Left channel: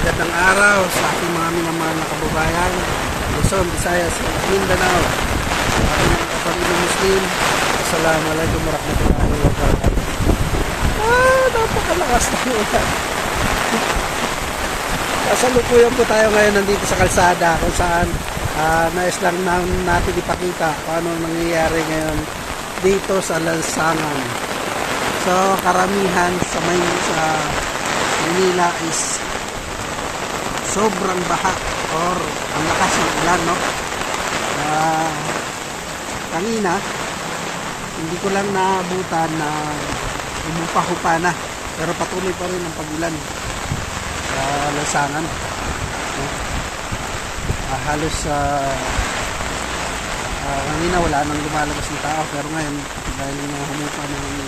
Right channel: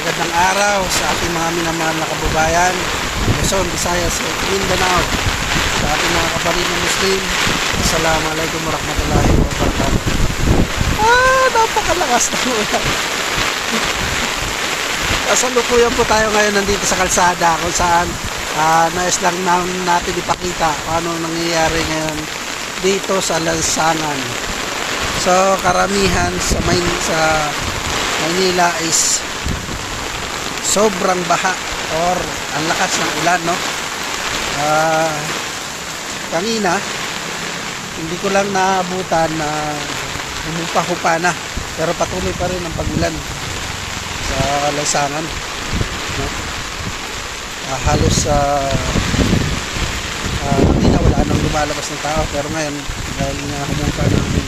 Magandang araw sa ating mga minamahal na kababayan, Luzon, Visayas, Mindanao, sa ating mga kapatid na Muslim. Assalamualaikum warahmatullahi wabarakatuh. Napakalakas ng ulan. Kasalukuyan po tayo ngayon nandito sa kalsada kung saan nais lang natin ipakita kung ano nangyayari ngayon dito sa lansangan. So karamihan sa Maynila is sobrang baha or ang lakas ng ulan, no? Kanina hindi ko lang naabutan na humupa-hupa na, pero patuloy pa rin ang pag-ulan sa lansangan, no? Halos kanina wala nang lumalabas ng tao, pero ngayon dahil nga humupa ng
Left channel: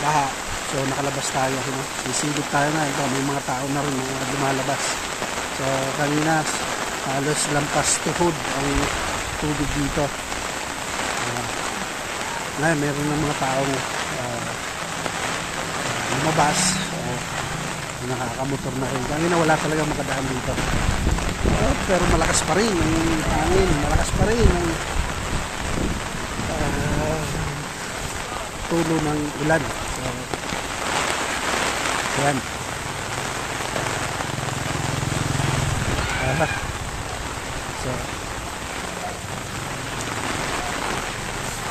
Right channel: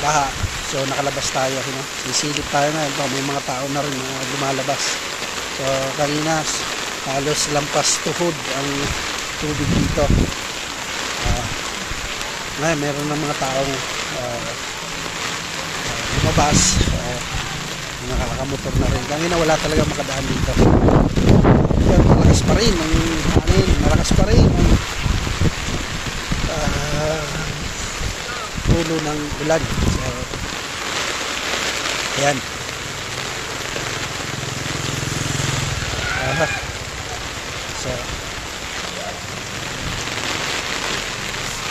baha, so nakalabas tayo, no? Sisilip tayo ngayon. So, may mga tao na rin na lumalabas. So kanina halos lampas tuhod ang tubig dito. Ngayon meron ng mga taong lumabas, nakakamotor na rin. Kanina wala talaga makadaan dito. Pero malakas pa rin ang hangin, malakas pa rin ang tulo ng ulan. So ayan. So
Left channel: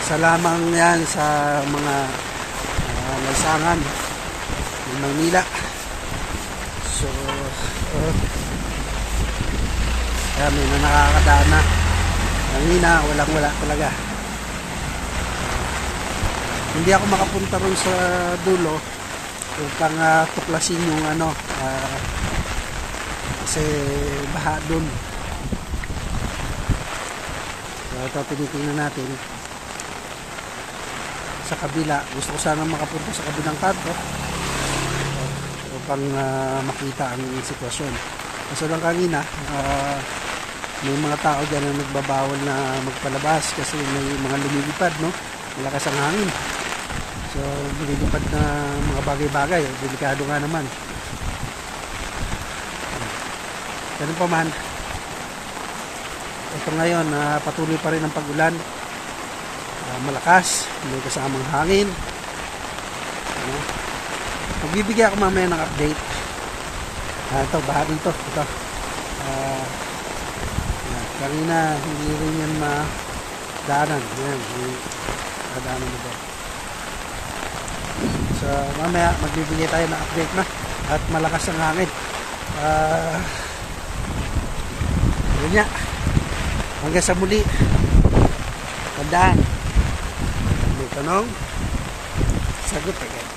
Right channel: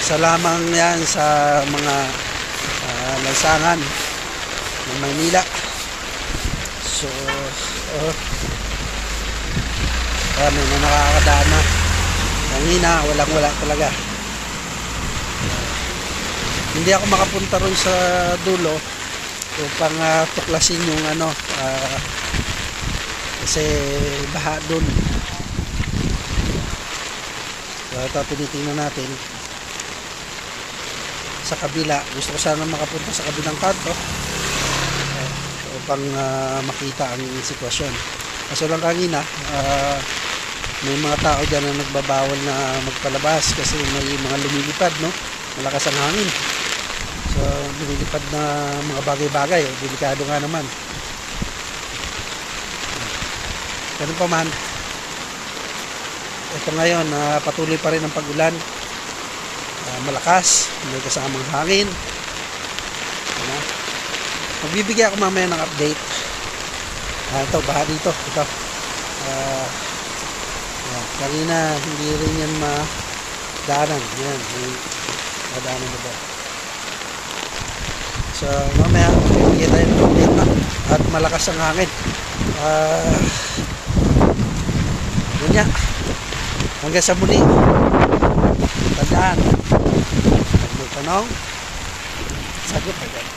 isa lamang yan sa mga lansangan ng Maynila. So kaya may nakakadaan na. Kanina walang-wala talaga. Hindi ako makapunta ron sa dulo upang tuklasin yung kasi baha dun. So ito tinitingnan natin sa kabila. Gusto ko sana makapunta sa kabilang kanto upang makita ang sitwasyon. Kaso lang kanina may mga tao dyan na nagbabawal na magpalabas kasi may mga lumilipad, no? Malakas ang hangin. So lumilipad na mga bagay-bagay, delikado nga naman. Ganun pa man, ito ngayon patuloy pa rin ang pag-ulan, malakas, may kasamang hangin. Magbibigay ako mamaya ng update. Ito, baha dito, ito. Kanina hindi rin yan madaanan. Yan, madaanan na ba. So mamaya magbibigay tayo ng update na. At malakas ang hangin. Yun nga. Hanggang sa muli. Tandaan. Pag may tanong, sagot agad.